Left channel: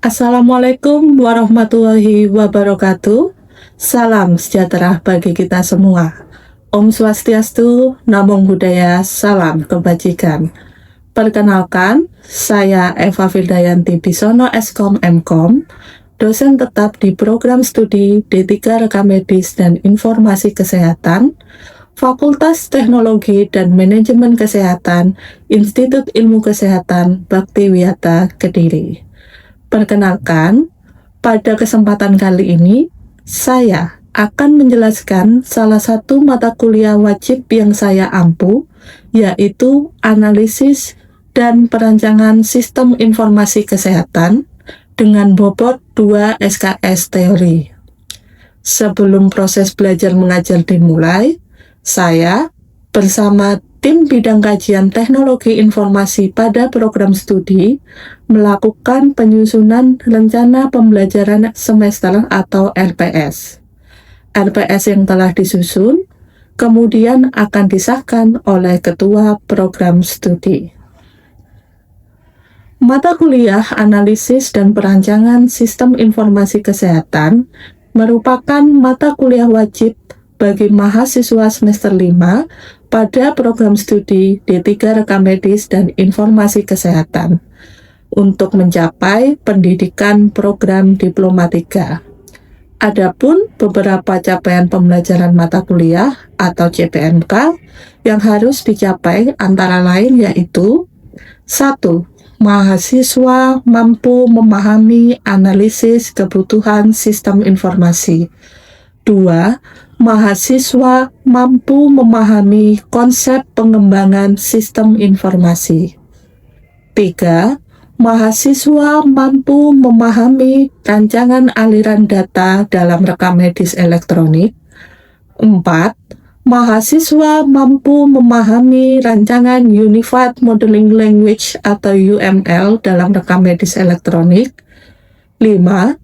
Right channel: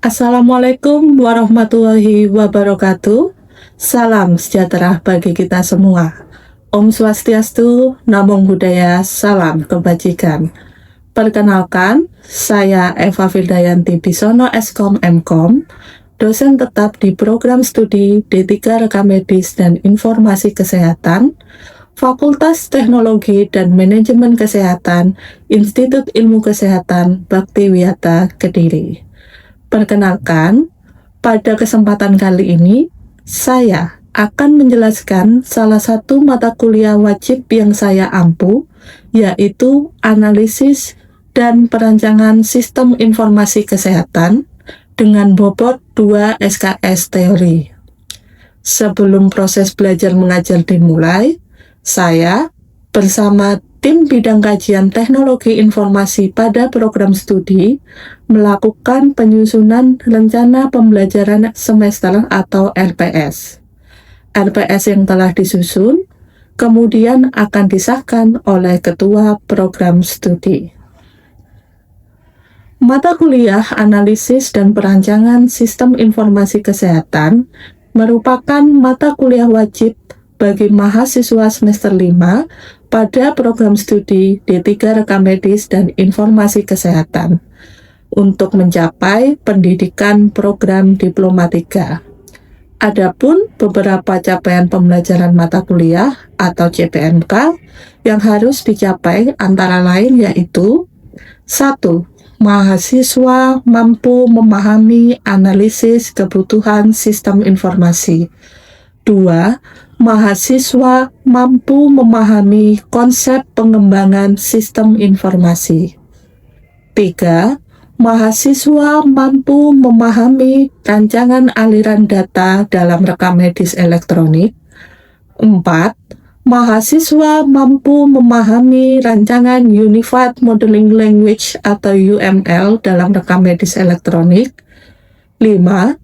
Assalamualaikum warahmatullahi wabarakatuh. Salam sejahtera bagi kita semua. Om Swastiastu, Namo Buddhaya, salam kebajikan. Perkenalkan, saya Eva Vildayanti Bisono Eskom Mkom, dosen tetap di program studi D3 Rekam Medis dan Informasi Kesehatan, Fakultas Teknologi dan Manajemen Kesehatan, Institut Ilmu Kesehatan Bhaktiwiyata Kediri. Perkenalkan, pada kesempatan kali ini, saya akan menjelaskan salah satu mata kuliah wajib yang saya ampu, yaitu Analisis dan Perancangan Sistem Informasi Kesehatan dengan bobot 2 SKS Teori. Sebelum proses belajar mengajar dimulai, saya bersama tim bidang kajian teknologi informasi pada program studi melakukan penyusunan rencana pembelajaran semester atau RPS. RPS yang telah disusun kemudian akan disahkan oleh ketua program studi. Mata kuliah Analisis dan Perancangan Sistem Informasi Kesehatan merupakan mata kuliah wajib bagi mahasiswa semester 5 pada program studi D3 Rekam Medis dan Informasi Kesehatan untuk mencapai pendidikan program Diploma 3. Adapun beberapa capaian pembelajaran mata kuliah atau CPMK yang harus dicapai antara lain yaitu 1. Mahasiswa mampu memahami analisis kebutuhan sistem informasi. 2. Mahasiswa mampu memahami konsep pengembangan sistem informasi. 3. Mahasiswa mampu memahami rancangan aliran data dalam rekam medis elektronik. 4. Mahasiswa mampu memahami rancangan Unified Modeling Language atau UML dalam rekam medis elektronik. 5.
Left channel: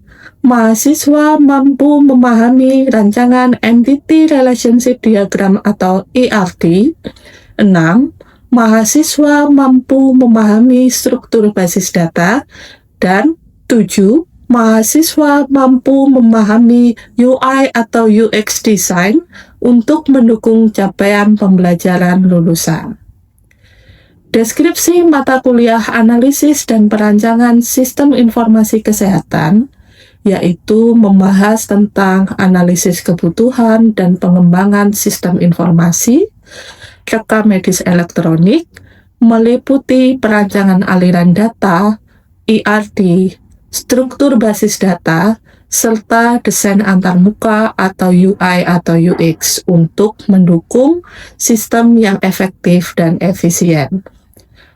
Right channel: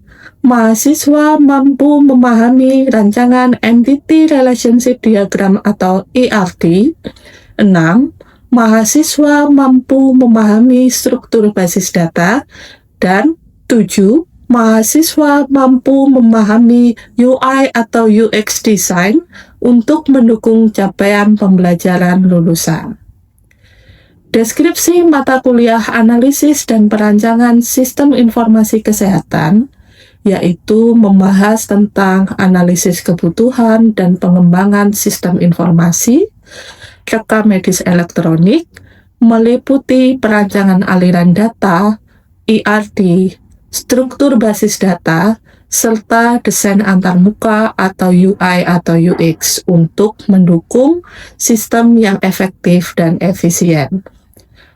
Mahasiswa mampu memahami rancangan Entity Relationship Diagram atau ERD. 6. Mahasiswa mampu memahami struktur basis data. Dan 7. Mahasiswa mampu memahami UI atau UX design untuk mendukung capaian pembelajaran lulusan. Deskripsi mata kuliah Analisis dan Perancangan Sistem Informasi Kesehatan yaitu membahas tentang analisis kebutuhan dan pengembangan sistem informasi, rekam medis elektronik, meliputi perancangan aliran data, ERD, struktur basis data, serta desain antarmuka atau UI atau UX untuk mendukung sistem yang efektif dan efisien.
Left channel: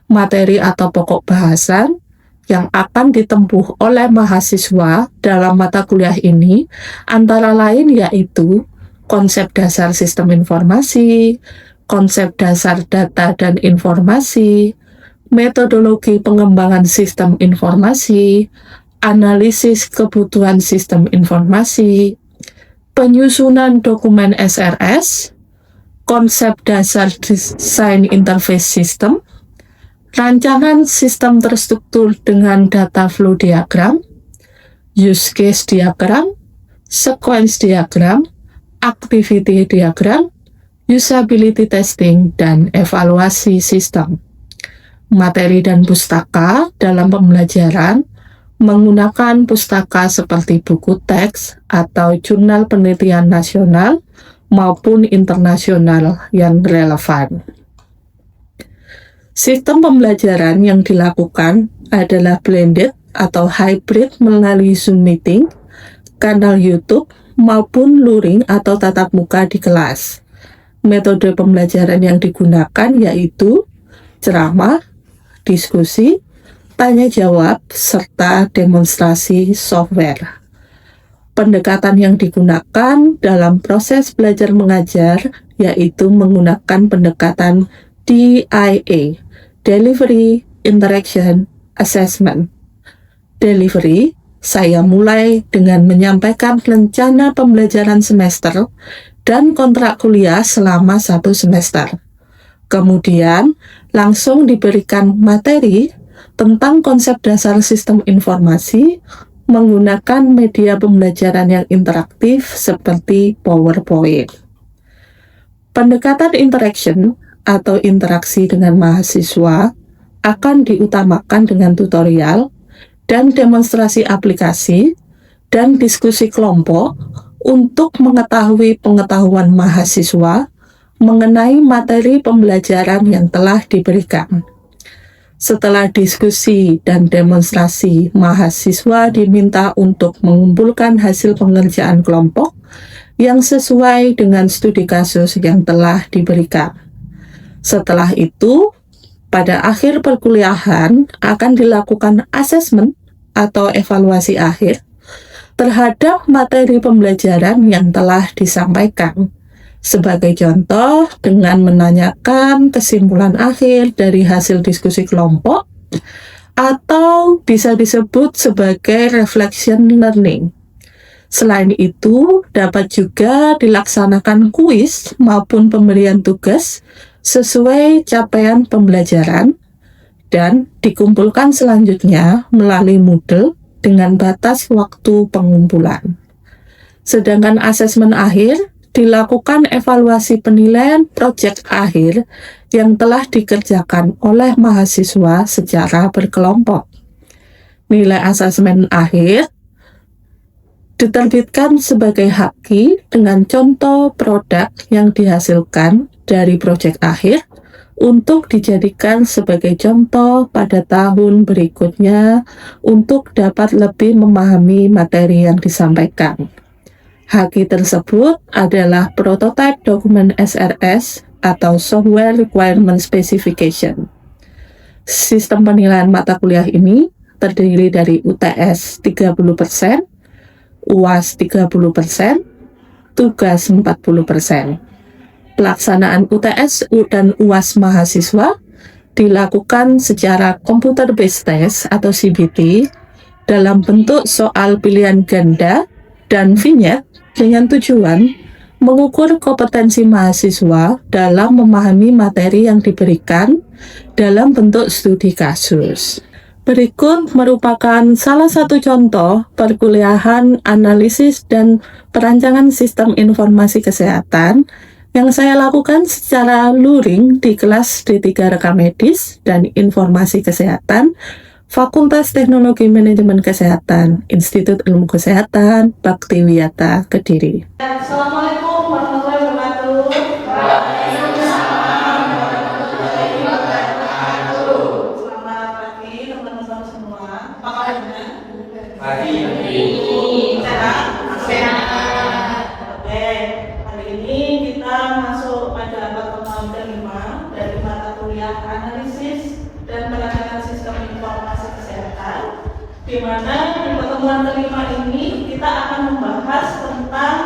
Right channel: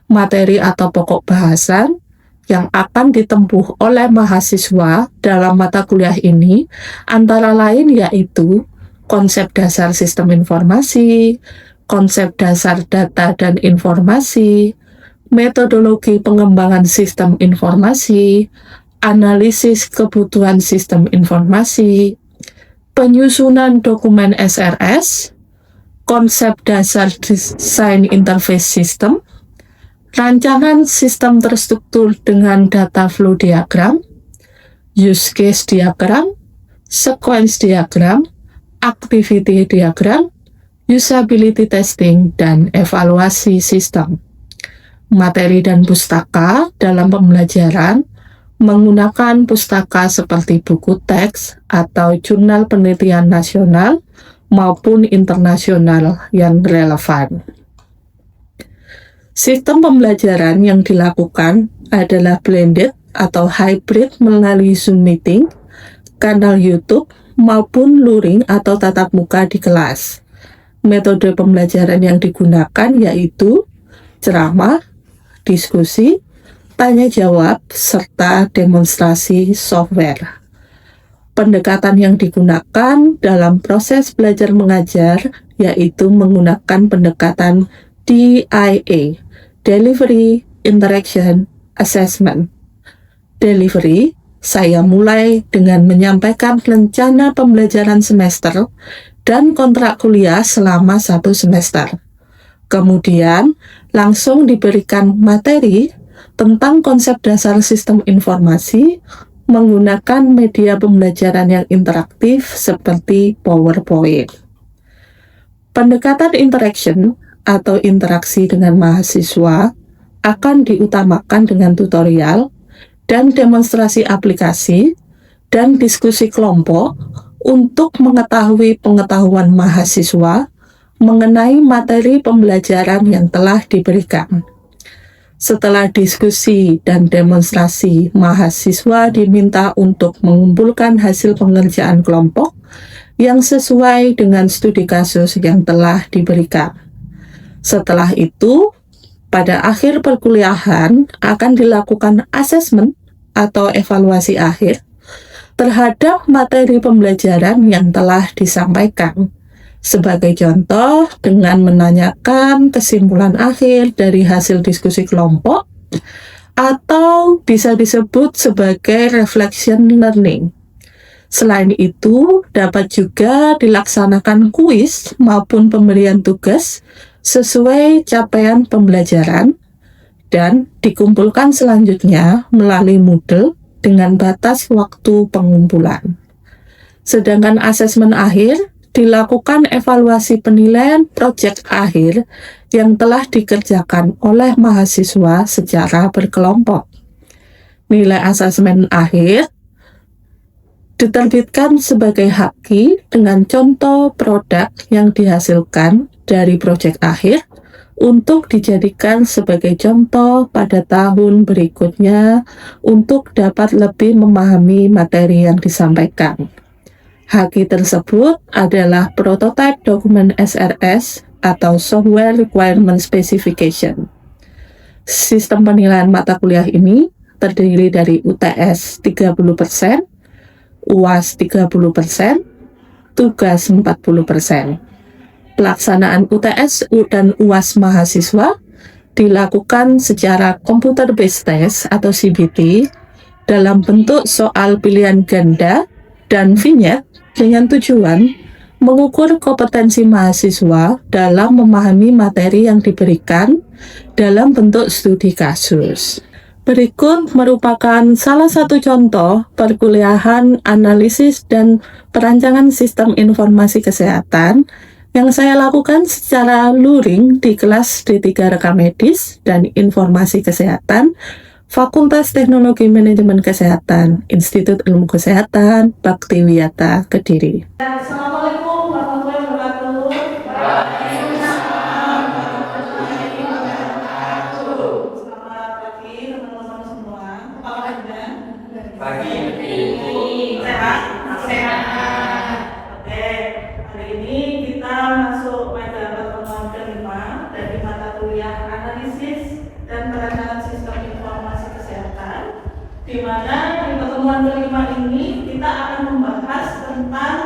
Materi atau pokok bahasan yang akan ditempuh oleh mahasiswa dalam mata kuliah ini antara lain yaitu konsep dasar sistem informasi, konsep dasar data dan informasi, metodologi pengembangan sistem informasi, analisis kebutuhan sistem informasi, penyusunan dokumen SRS, konsep dasar desain interface system, rancangan sistem terstruktur dengan data flow diagram, use case diagram, sequence diagram, activity diagram, usability testing, dan evaluasi sistem. Materi dan pustaka dalam pembelajaran menggunakan pustaka seperti buku teks atau jurnal penelitian nasional maupun internasional yang relevan. Sistem pembelajaran yang dilakukan adalah blended atau hybrid melalui Zoom meeting, kanal YouTube, maupun luring atau tatap muka di kelas. Metode pembelajaran yang digunakan yaitu ceramah, diskusi, tanya jawab, serta demonstrasi software. Pendekatan yang digunakan dalam proses belajar mengajar yaitu menggunakan pendekatan DIA, Delivery, Interaction, Assessment. Delivery, saya mulai dengan menyampaikan rencana pembelajaran semester dan kontrak kuliah selama 1 semester. Kemudian, langsung diberikan materi tentang konsep dasar sistem informasi menggunakan media pembelajaran yang interaktif seperti PowerPoint. Pendekatan interaction atau interaksi dengan mahasiswa akan diutamakan dengan tutorial dan demonstrasi aplikasi dan diskusi kelompok untuk mengetahui pengetahuan mahasiswa mengenai materi pembelajaran yang telah diberikan. Setelah diskusi dan demonstrasi, mahasiswa diminta untuk mengumpulkan hasil pengerjaan kelompok yang sesuai dengan studi kasus yang telah diberikan. Setelah itu, pada akhir perkuliahan akan dilakukan asesmen atau evaluasi akhir terhadap materi pembelajaran yang telah disampaikan. Sebagai contoh, dengan menanyakan kesimpulan akhir dari hasil diskusi kelompok, atau bisa disebut sebagai reflection learning. Selain itu, dapat juga dilaksanakan kuis maupun pemberian tugas sesuai capaian pembelajaran, dan dikumpulkan selanjutnya melalui Moodle dengan batas waktu pengumpulan. Sedangkan asesmen akhir dilakukan evaluasi penilaian proyek akhir yang telah dikerjakan oleh mahasiswa secara berkelompok. Nilai asesmen akhir diterbitkan sebagai haki dengan contoh produk yang dihasilkan dari proyek akhir untuk dijadikan sebagai contoh pada tahun berikutnya untuk dapat lebih memahami materi yang disampaikan. Haki tersebut adalah Prototype Document SRS atau Software Requirement Specification. Sistem penilaian mata kuliah ini terdiri dari UTS 30%, UAS 30%, tugas 40%. Pelaksanaan UTS dan UAS mahasiswa dilakukan secara Computer Based Test atau CBT dalam bentuk soal pilihan ganda dan vignette dengan tujuan mengukur kompetensi mahasiswa dalam memahami materi yang diberikan dalam bentuk studi kasus. Berikut merupakan salah satu contoh perkuliahan analisis dan perancangan sistem informasi kesehatan yang saya lakukan secara luring di kelas D3 Rekam Medis dan Informasi Kesehatan Fakultas Teknologi Manajemen Kesehatan, Institut Ilmu Kesehatan, Baktiwiyata, Kediri. Assalamualaikum warahmatullahi wabarakatuh. Selamat pagi teman-teman semua. Apa kabarnya? Pagi. Sehat? Sehat. Oke, hari ini kita masuk pada pertemuan kelima dari mata kuliah analisis dan perancangan sistem informasi kesehatan, di mana di pertemuan kelima ini kita akan membahas tentang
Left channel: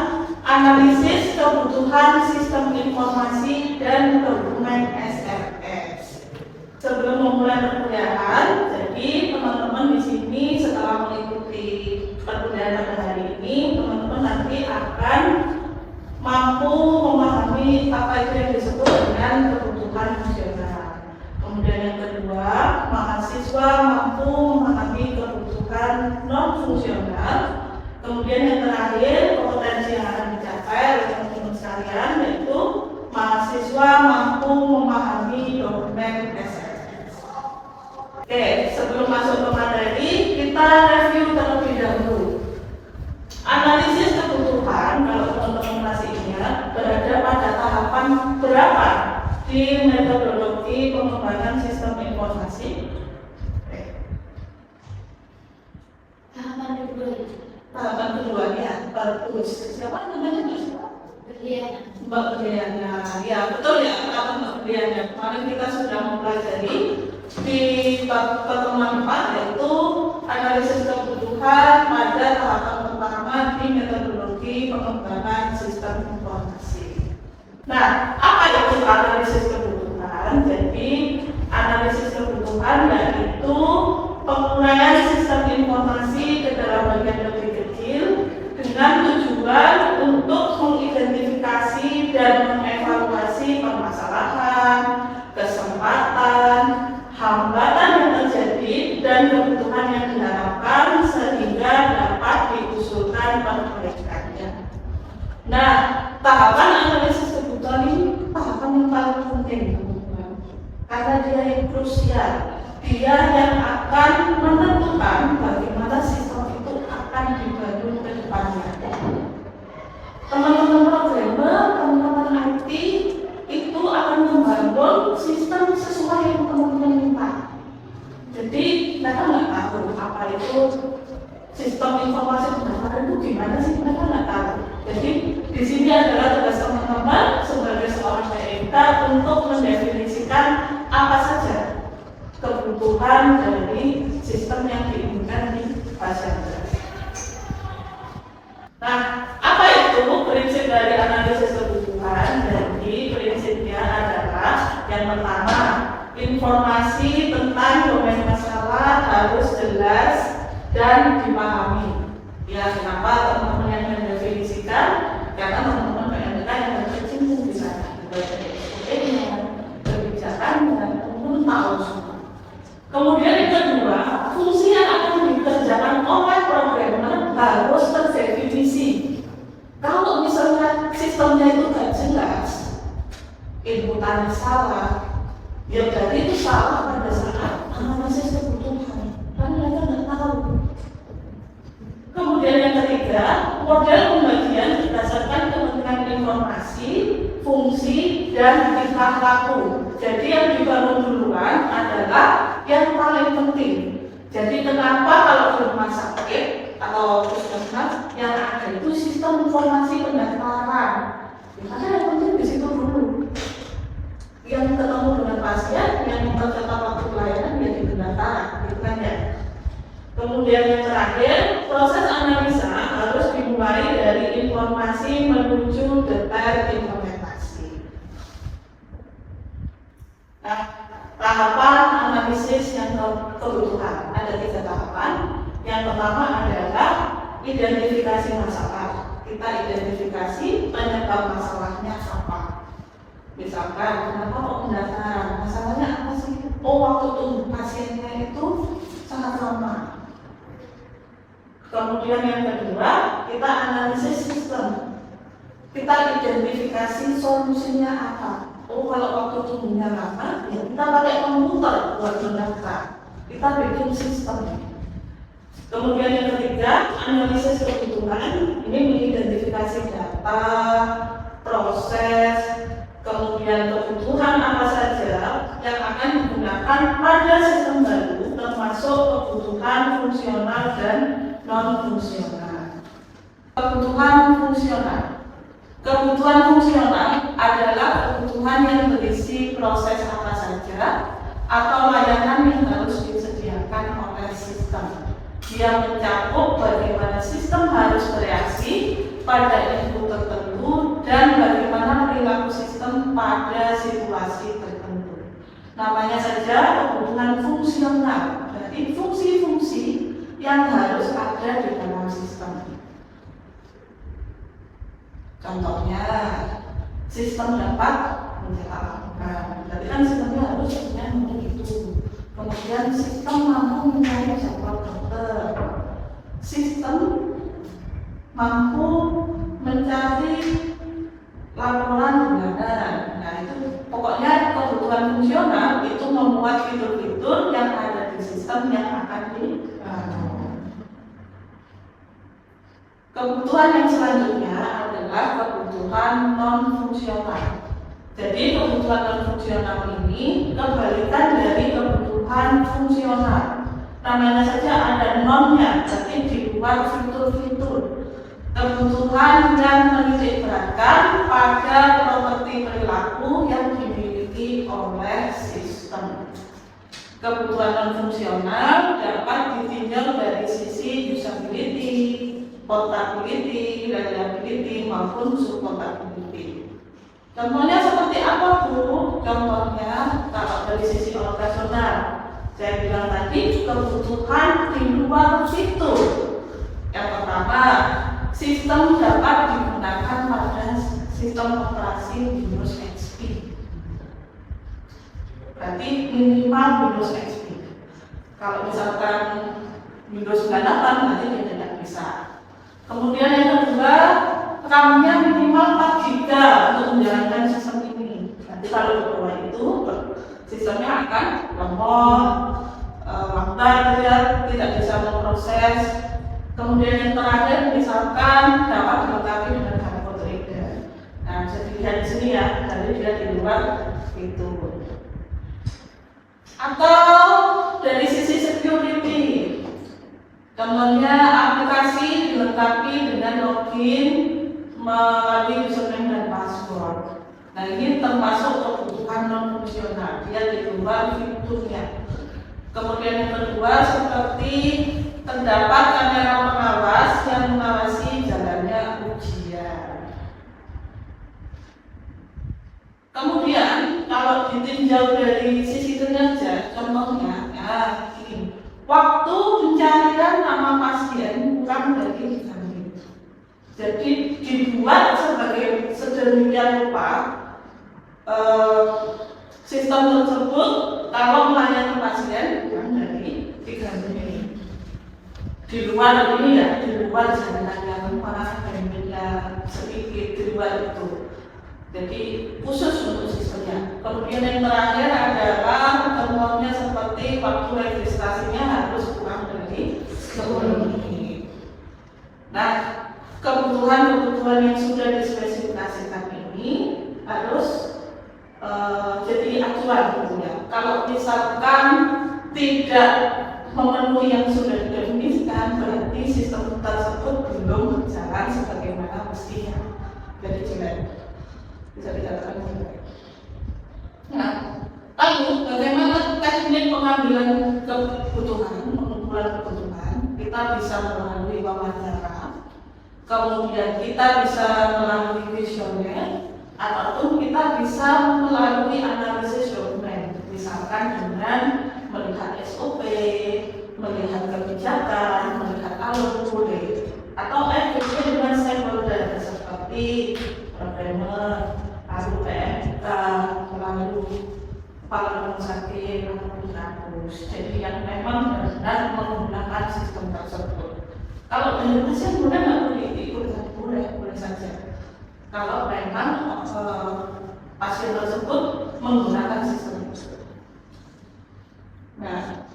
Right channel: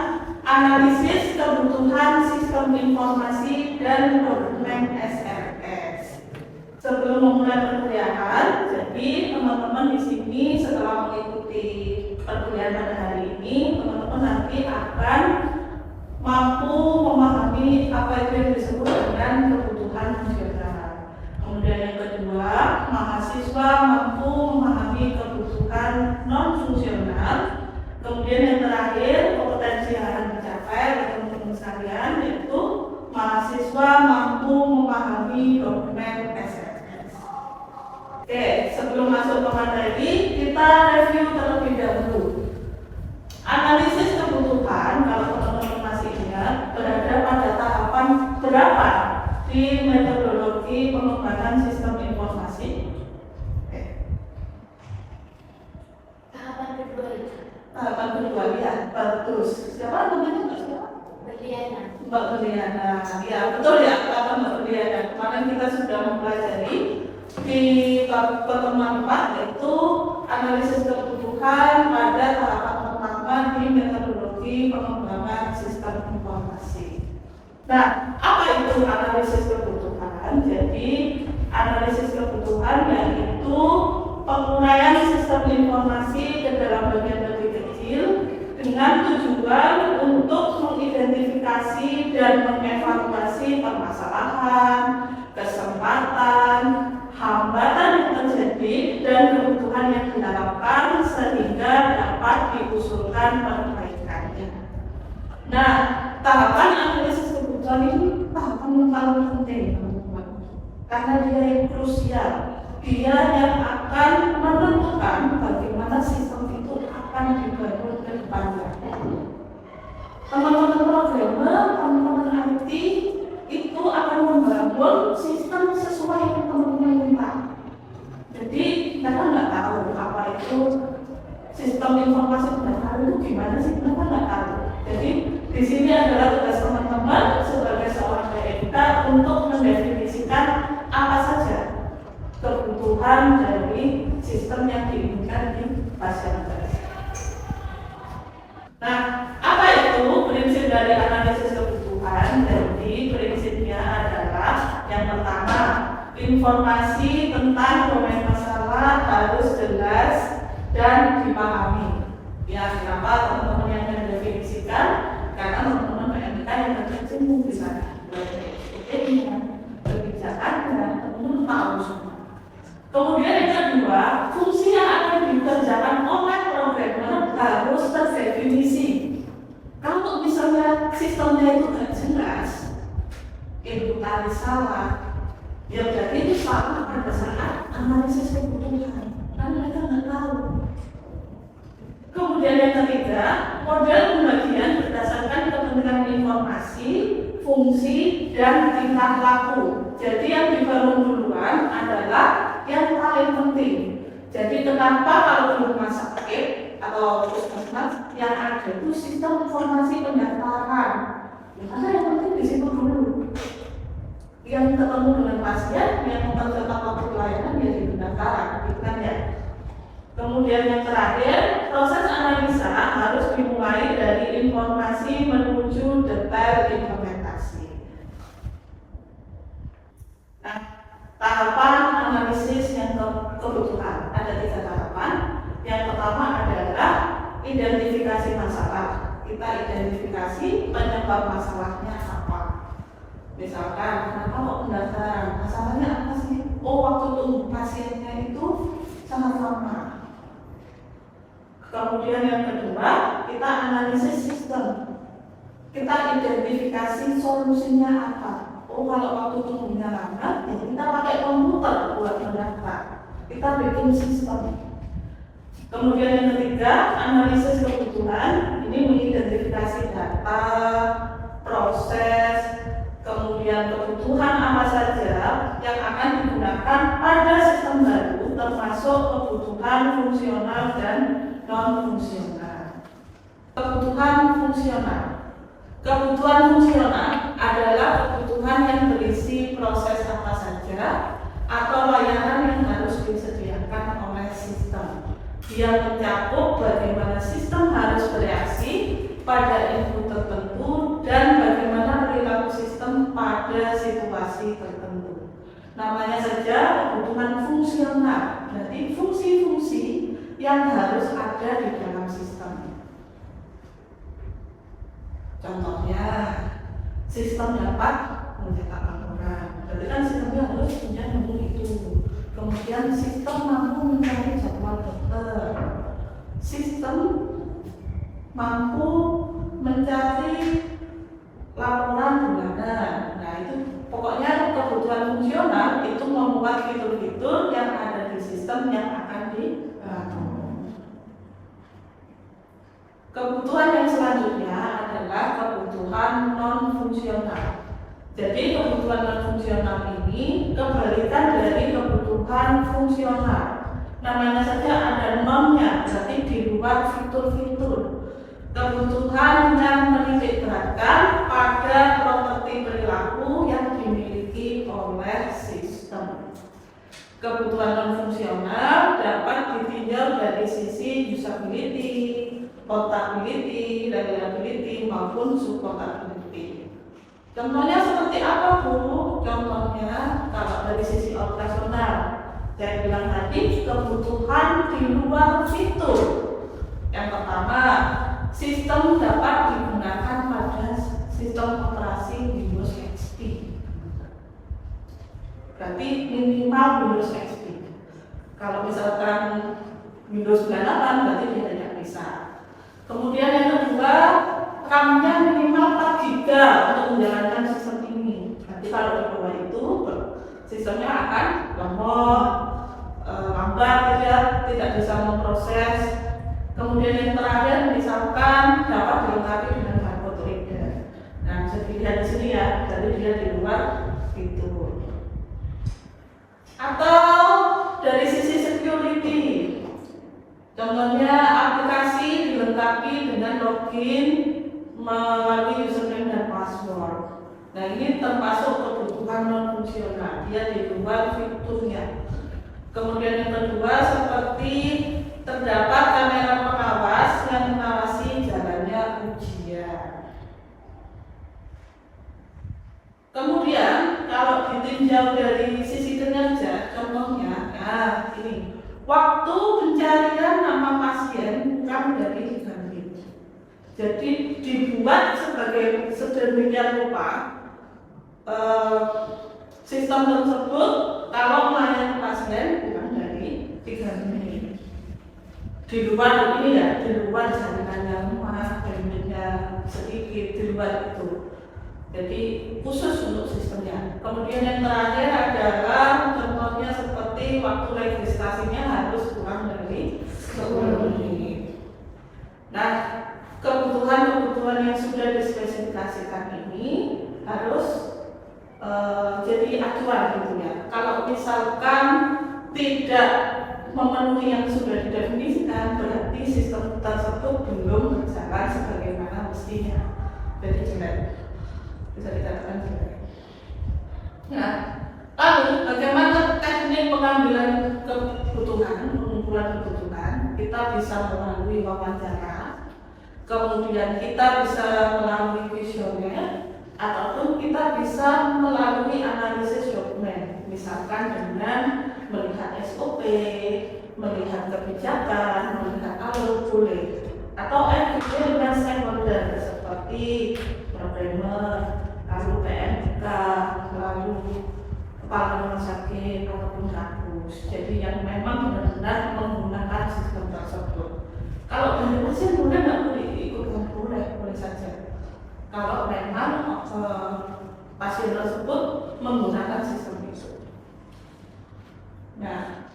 analisis kebutuhan sistem informasi dan dokumen SRS. Sebelum memulai perkuliahan, jadi teman-teman di sini setelah mengikuti perkuliahan pada hari ini, teman-teman nanti akan mampu memahami apa itu yang disebut dengan kebutuhan fungsional. Kemudian yang kedua, mahasiswa mampu memahami kebutuhan non-fungsional. Kemudian yang terakhir, kompetensi yang akan dicapai oleh teman-teman sekalian, yaitu mahasiswa mampu memahami dokumen SRS. Oke, sebelum masuk ke materi, kita review terlebih dahulu. Analisis kebutuhan, kalau teman-teman masih ingat, berada pada tahapan berapa di metodologi pengembangan sistem informasi? Tahapan kedua ya, bagus. Siapa namanya? Mbak Berliana. Ya, betul ya, tahapan Mbak Berliana. Kemarin kita sudah mempelajari di pertemuan 4, yaitu analisis kebutuhan pada tahapan pertama di metodologi pengembangan sistem informasi. Nah, apa itu analisis kebutuhan? Jadi, analisis kebutuhan yaitu penguraian sistem informasi ke dalam bagian lebih kecil dengan tujuan untuk mengidentifikasi dan mengevaluasi permasalahan, kesempatan, hambatan yang terjadi tanpa perbaikan. Nah, tahapan analisis kebutuhan ini tahapan yang paling penting, teman-teman, karena dia yang krusial. Dia yang akan menentukan bagaimana sistem itu akan dibangun ke depannya. Teman-teman programmer, teman-teman IT itu akan membangun sistem sesuai yang teman-teman minta. Jadi mereka nggak tahu apa itu sistem informasi pendaftaran itu gimana sih, mereka nggak tahu. Jadi di sini adalah tugas teman-teman sebagai seorang TMK untuk mendefinisikan apa saja kebutuhan dari sistem yang diinginkan di pasien. Nah, apa itu prinsip dari analisis kebutuhan? Jadi prinsipnya adalah yang pertama, informasi tentang domain masalah harus jelas dan dipahami. Ya, kenapa teman-teman yang mendefinisikan? Karena teman-teman PMK yang berkecimpung di sana, SOP-nya, kebijakannya, teman-teman tahu semua. Kemudian yang kedua, fungsi yang akan dikerjakan oleh programmer harus terdefinisi. Kalau misalnya sistemnya itu nggak jelas, inputannya salah, ya berarti itu salah pada saat analisis kebutuhan, kan mereka nggak tahu. Kemudian yang ketiga, model pembagian berdasarkan kepentingan informasi, fungsi, dan tingkah laku. Jadi yang dibangun duluan adalah yang paling penting. Jadi kenapa kalau di rumah sakit atau puskesmas yang ada itu sistem informasi pendaftaran? Karena yang penting di situ dulu. Yang ketemu dengan pasien, yang menentukan waktu pelayanan jadi pendaftaran, gitu kan ya. Kemudian yang terakhir, proses analisa harus dimulai dari informasi menuju detail implementasi. Nah, tahapan analisis yang kebutuhan ada 3 tahapan. Yang pertama adalah identifikasi masalah. Kita identifikasi penyebab masalahnya apa. Misalkan, kenapa kok pendaftaran? Masalahnya apa sih? Oh, waktu tunggu pasiennya itu sangat lama. Kemudian yang kedua, kita analisis sistem. Kita identifikasi solusinya apa. Oh, kalau waktu tunggunya lama, ya kita pakai komputer buat mendaftar. Kita bikin sistem. Kemudian yang ketiga, analisis kebutuhan. Ini mengidentifikasi data, proses, kemudian kebutuhan apa saja yang akan digunakan pada sistem baru, termasuk kebutuhan fungsional dan non-fungsional. Kebutuhan fungsional. Kebutuhan fungsional adalah kebutuhan yang berisi proses apa saja atau layanan yang harus disediakan oleh sistem. Dia mencakup bagaimana sistem harus bereaksi pada input tertentu dan bagaimana perilaku sistem pada situasi tertentu. Namanya saja kebutuhan fungsional, berarti fungsi-fungsi yang harus ada di dalam sistem. Contohnya, sistem dapat mencetak laporan, berarti kan sistemnya harus punya menu itu. Kemudian sistem mampu mencari jadwal dokter, sistem mampu mencari laporan bulanan. Nah, itu pokoknya kebutuhan fungsional itu memuat fitur-fitur yang ada di sistem yang akan dibangun. Kebutuhan yang selanjutnya adalah kebutuhan non-fungsional. Jadi kebutuhan non-fungsional ini kebalikan dari kebutuhan fungsional. Namanya saja ada non-nya, berarti di luar fitur-fitur. Kebutuhan yang menitik beratkan pada properti perilaku yang dimiliki oleh sistem. Kebutuhan non-fungsional dapat ditinjau dari sisi usability, portability, reliability maupun supportability. Contohnya seperti apa, Bu? Contohnya kalau dari sisi operasional, saya bilang tadi kebutuhan di luar fitur. Yang pertama, sistem dapat digunakan pada sistem operasi Windows XP. Berarti minimal Windows XP. Kalau misalkan Windows 98 berarti dia tidak bisa. Kemudian yang kedua, RAM-nya minimal 4 GB untuk menjalankan sistem ini. Nanti kalau di bawah itu sistemnya akan lemot, lambat, tidak bisa memproses. Kemudian yang terakhir, misalkan dapat dilengkapi dengan barcode reader. Nah, bisa dilihat di sini ya, jadi dia di luar itu. Atau dari sisi security, contohnya aplikasi dilengkapi dengan login melalui username dan password. Nah, ini termasuk kebutuhan non fungsional, dia di luar fiturnya. Kemudian yang kedua, seperti terdapat kamera pengawas yang mengawasi jalannya ujian. Kemudian kalau ditinjau dari sisi kinerja, contohnya, nah ini waktu pencarian nama pasien kurang dari 3 menit. Jadi dibuat sebagai sedemikian rupa sistem tersebut kalau melayani pasien kurang dari 3 menit. Di luar ini ya, di luar jalanannya mana bandwidthnya sedikit, di luar itu. Jadi khusus untuk sistemnya. Kemudian yang terakhir adalah contohnya seperti waktu registrasinya harus kurang dari 10 menit. Nah, kebutuhan-kebutuhan yang sudah dispesifikasikan ini harus jadi acuan gitu ya. Kalau misalkan tidak memenuhi yang sudah didefinisikan, berarti sistem tersebut belum berjalan sebagaimana mestinya. Jadi jelek, bisa dikatakan jelek. Nah, lalu bagaimana teknik pengambilan kebutuhan, pengumpulan kebutuhan? Kita bisa melalui wawancara, kemudian kita bisa melalui kuesioner, ataupun kita bisa melalui analisis dokumen, misalkan dengan melihat SOP, melihat kebijakan, melihat alur boleh, atau juga dengan stakeholder seperti programmer, lalu PMK, lalu kepala rumah sakit ataupun kampus. Jadi yang memang benar-benar menggunakan sistem tersebut. Kalau dari pasien boleh nggak boleh ikutkan, boleh saja. Kalau memang pasien tersebut menggunakan sistem itu. Nah,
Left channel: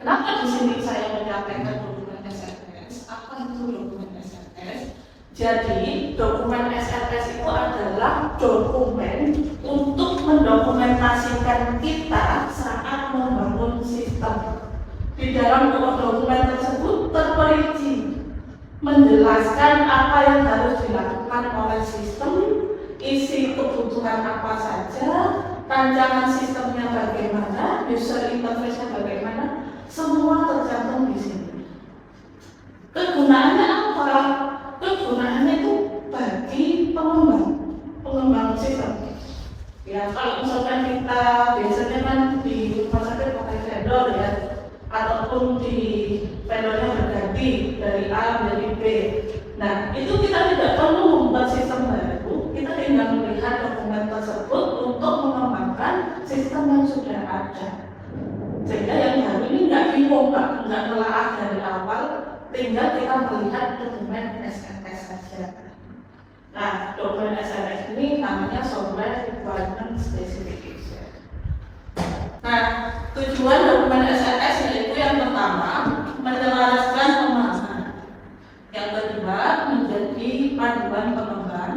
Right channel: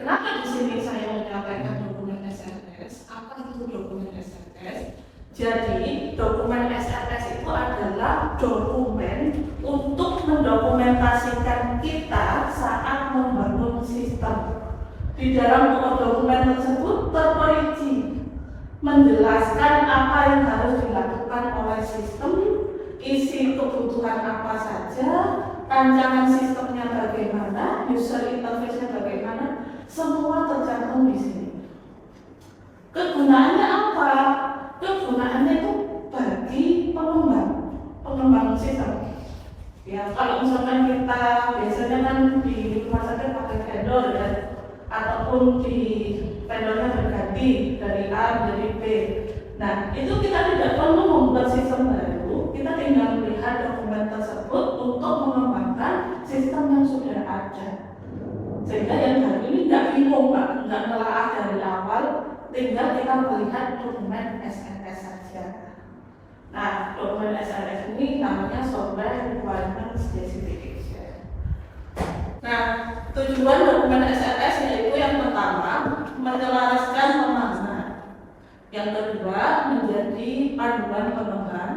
kenapa di sini saya menyampaikan dokumen SRS? Apa itu dokumen SRS? Jadi, dokumen SRS itu adalah dokumen untuk mendokumentasikan kita saat membangun sistem. Di dalam dokumen tersebut terperinci menjelaskan apa yang harus dilakukan oleh sistem, isi kebutuhan apa saja, rancangan sistemnya bagaimana, user interface-nya bagaimana, semua tercantum di sini. Kegunaannya apa? Kegunaannya itu bagi pengembang sistem. Ya, kalau misalkan kita biasanya kan di rumah sakit pakai vendor ya, ataupun di vendornya berganti dari A menjadi B. Nah, itu kita tidak perlu membuat sistem baru, kita tinggal melihat dokumen tersebut untuk mengembangkan sistem yang sudah ada. Sehingga yang baru ini nggak bingung, nggak melahap dari awal, tinggal kita melihat dokumen SRS saja. Nah, dokumen SRS ini namanya Software Requirement Specification. Nah, tujuan dokumen SRS yaitu yang pertama, menyelaraskan pemahaman. Yang kedua, menjadi panduan pengembang.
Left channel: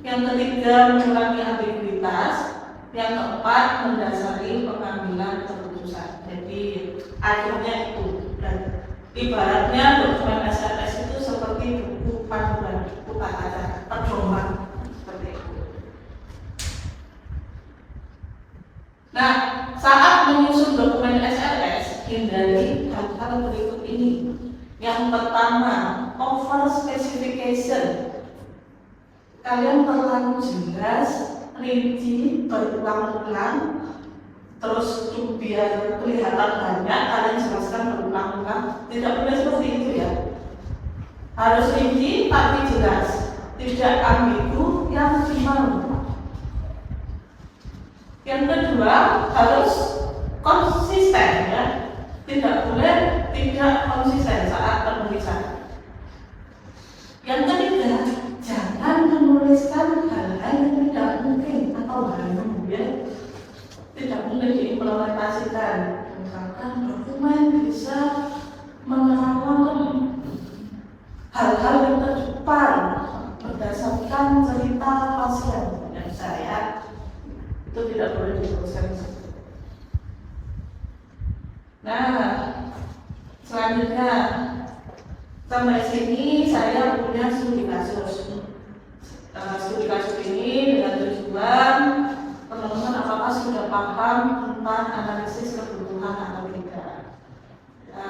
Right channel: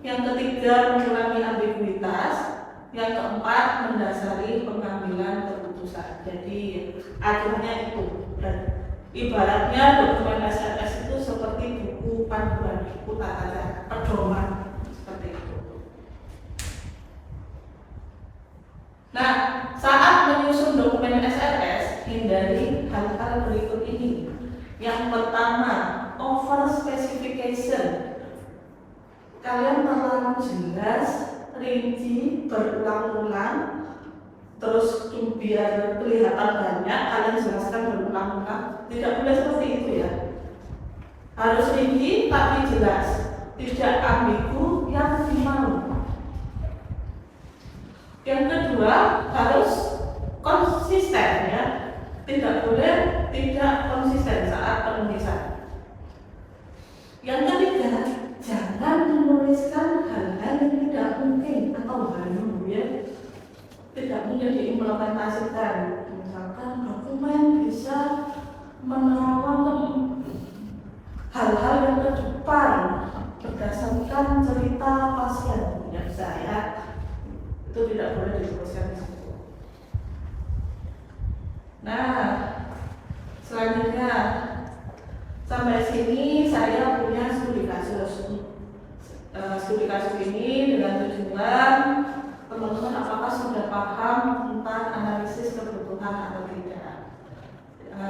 Yang ketiga, mengurangi ambiguitas. Yang keempat, mendasari pengambilan keputusan. Jadi, akhirnya itu. Dan ibaratnya dokumen SRS itu seperti buku panduan, buku tata cara, pedoman seperti itu. Nah, saat menyusun dokumen SRS, hindari hal-hal berikut ini. Yang pertama, over specification. Kalian terlalu jelas, rinci, berulang-ulang, terus biar kelihatan banyak, kalian jelaskan berulang-ulang. Tidak boleh seperti itu ya. Harus rinci tapi jelas, tidak ambigu yang malu. Yang kedua, harus konsisten ya. Tidak boleh tidak konsisten saat penulisan. diimplementasikan. Misalkan dokumen bisa menerangkan hal-hal yang ke depan berdasarkan cerita pasien yang saya itu tidak boleh dituliskan di situ. Nah, selanjutnya sampai sini saya punya studi kasus. Studi kasus ini dengan tujuan teman-teman apakah sudah paham tentang analisis kebutuhan atau tidak.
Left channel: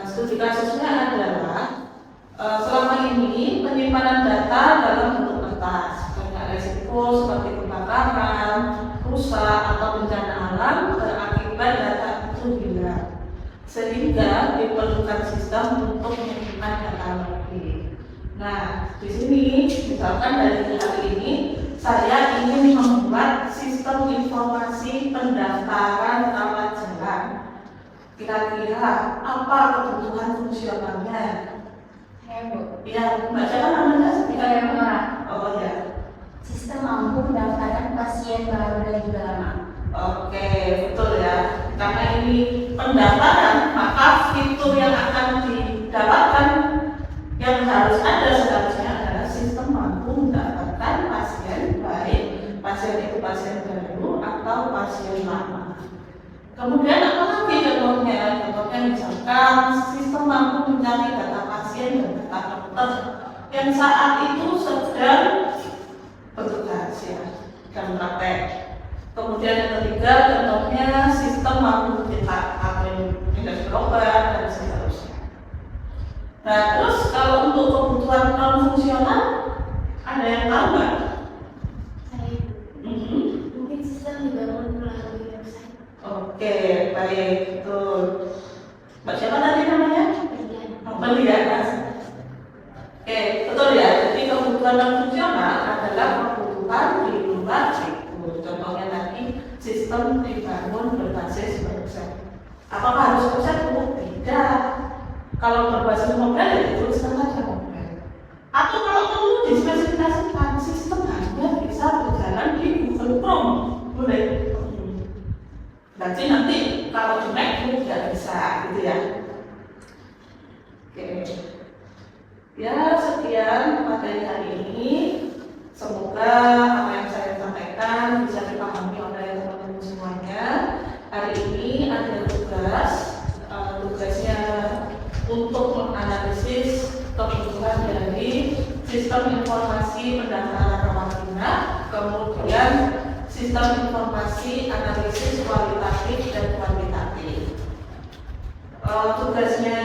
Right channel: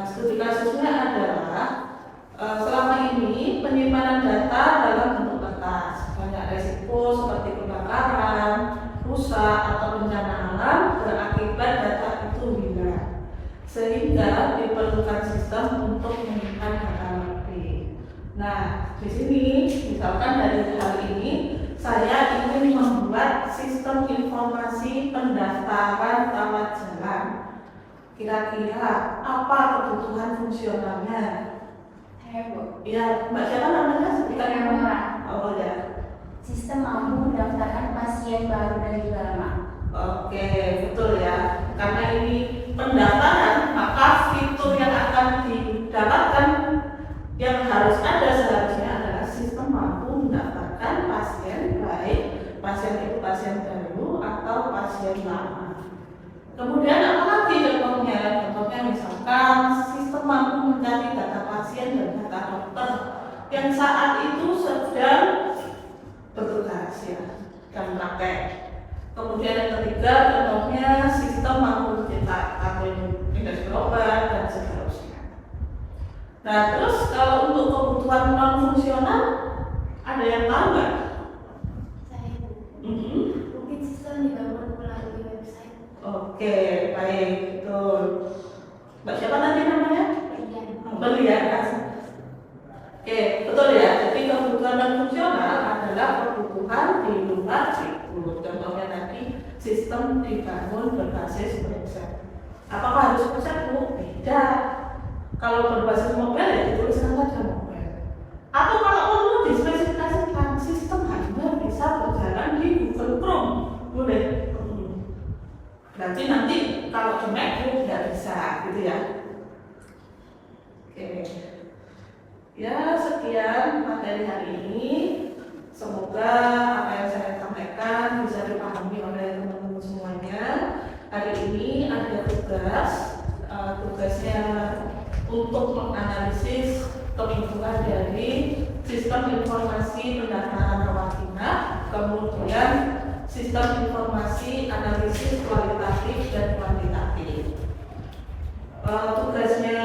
Studi kasusnya adalah selama ini penyimpanan data dalam bentuk kertas, banyak resiko seperti kebakaran, rusak atau bencana alam berakibat data itu hilang, sehingga diperlukan sistem untuk menyimpan data lebih. Nah, di sini misalkan dari hal ini saya ingin membuat sistem informasi pendaftaran rawat jalan. Kira-kira apa kebutuhan fungsionalnya? Ya, Mbak siapa namanya? Oh ya. Sistem mampu mendaftarkan pasien baru dan juga lama. Oke, betul ya. Karena ini pendaftaran, maka fitur yang akan didapatkan yang harus ada seharusnya adalah sistem mampu mendaftarkan pasien, baik pasien itu pasien baru atau pasien lama. Kemudian apa lagi contohnya? Contohnya misalkan sistem mampu mencari data pasien dan data dokter yang saat itu sedang bertugas ya dan praktek. Kemudian yang ketiga contohnya sistem mampu mencetak indeks obat dan seterusnya. Nah terus kalau untuk kebutuhan non fungsional ada yang tahu nggak? Mungkin sistem dibangun melalui website. Oke, baik, betul. Mbak siapa tadi namanya? Belian. Oke, betul ya. Jadi kebutuhan non fungsional adalah kebutuhan di luar itu. Contohnya tadi sistem dibangun berbasis website. Apakah harus website? Tidak. Kalau berbasis mobile ya dituliskan saja mobile. Atau kalau perlu dispesifikasikan sistem hanya bisa berjalan di Google Chrome, boleh. Berarti nanti kalau di MacBook tidak bisa, gitu ya. Oke. Ya sekian materi hari ini. Semoga apa yang saya sampaikan bisa dipahami oleh teman-teman semuanya. Hari ini ada tugasnya untuk menganalisis kebutuhan dari sistem informasi pendaftaran rawat inap, kemudian sistem informasi analisis kualitatif dan kuantitatif. Tugasnya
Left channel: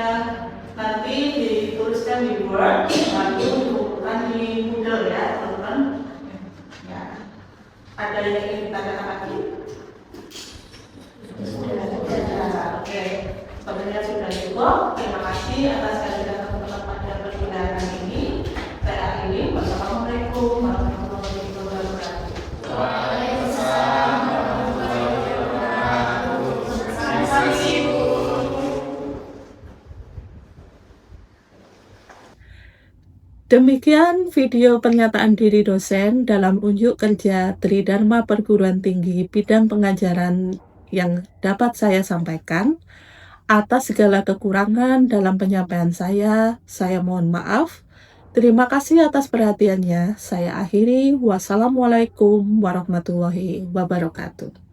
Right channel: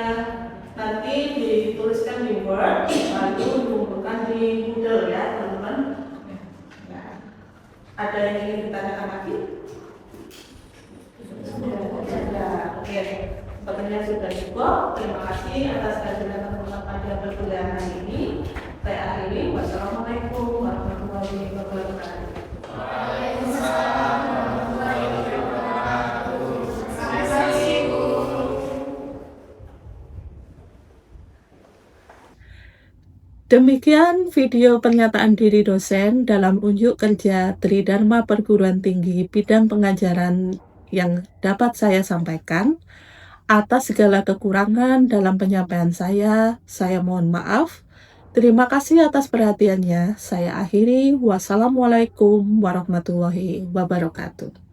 nanti dituliskan di Word, lalu dikumpulkan di Moodle ya teman-teman. Ya. Ada yang ingin ditanyakan lagi? Sudah. Oke. Sepertinya sudah cukup. Terima kasih atas kehadiran teman-teman pada perkuliahan hari ini. Saya akhiri. Wassalamualaikum warahmatullahi wabarakatuh. Demikian video pernyataan diri dosen dalam unjuk kerja Tridharma Perguruan Tinggi bidang pengajaran yang dapat saya sampaikan. Atas segala kekurangan dalam penyampaian saya mohon maaf. Terima kasih atas perhatiannya. Saya akhiri. Wassalamualaikum warahmatullahi wabarakatuh.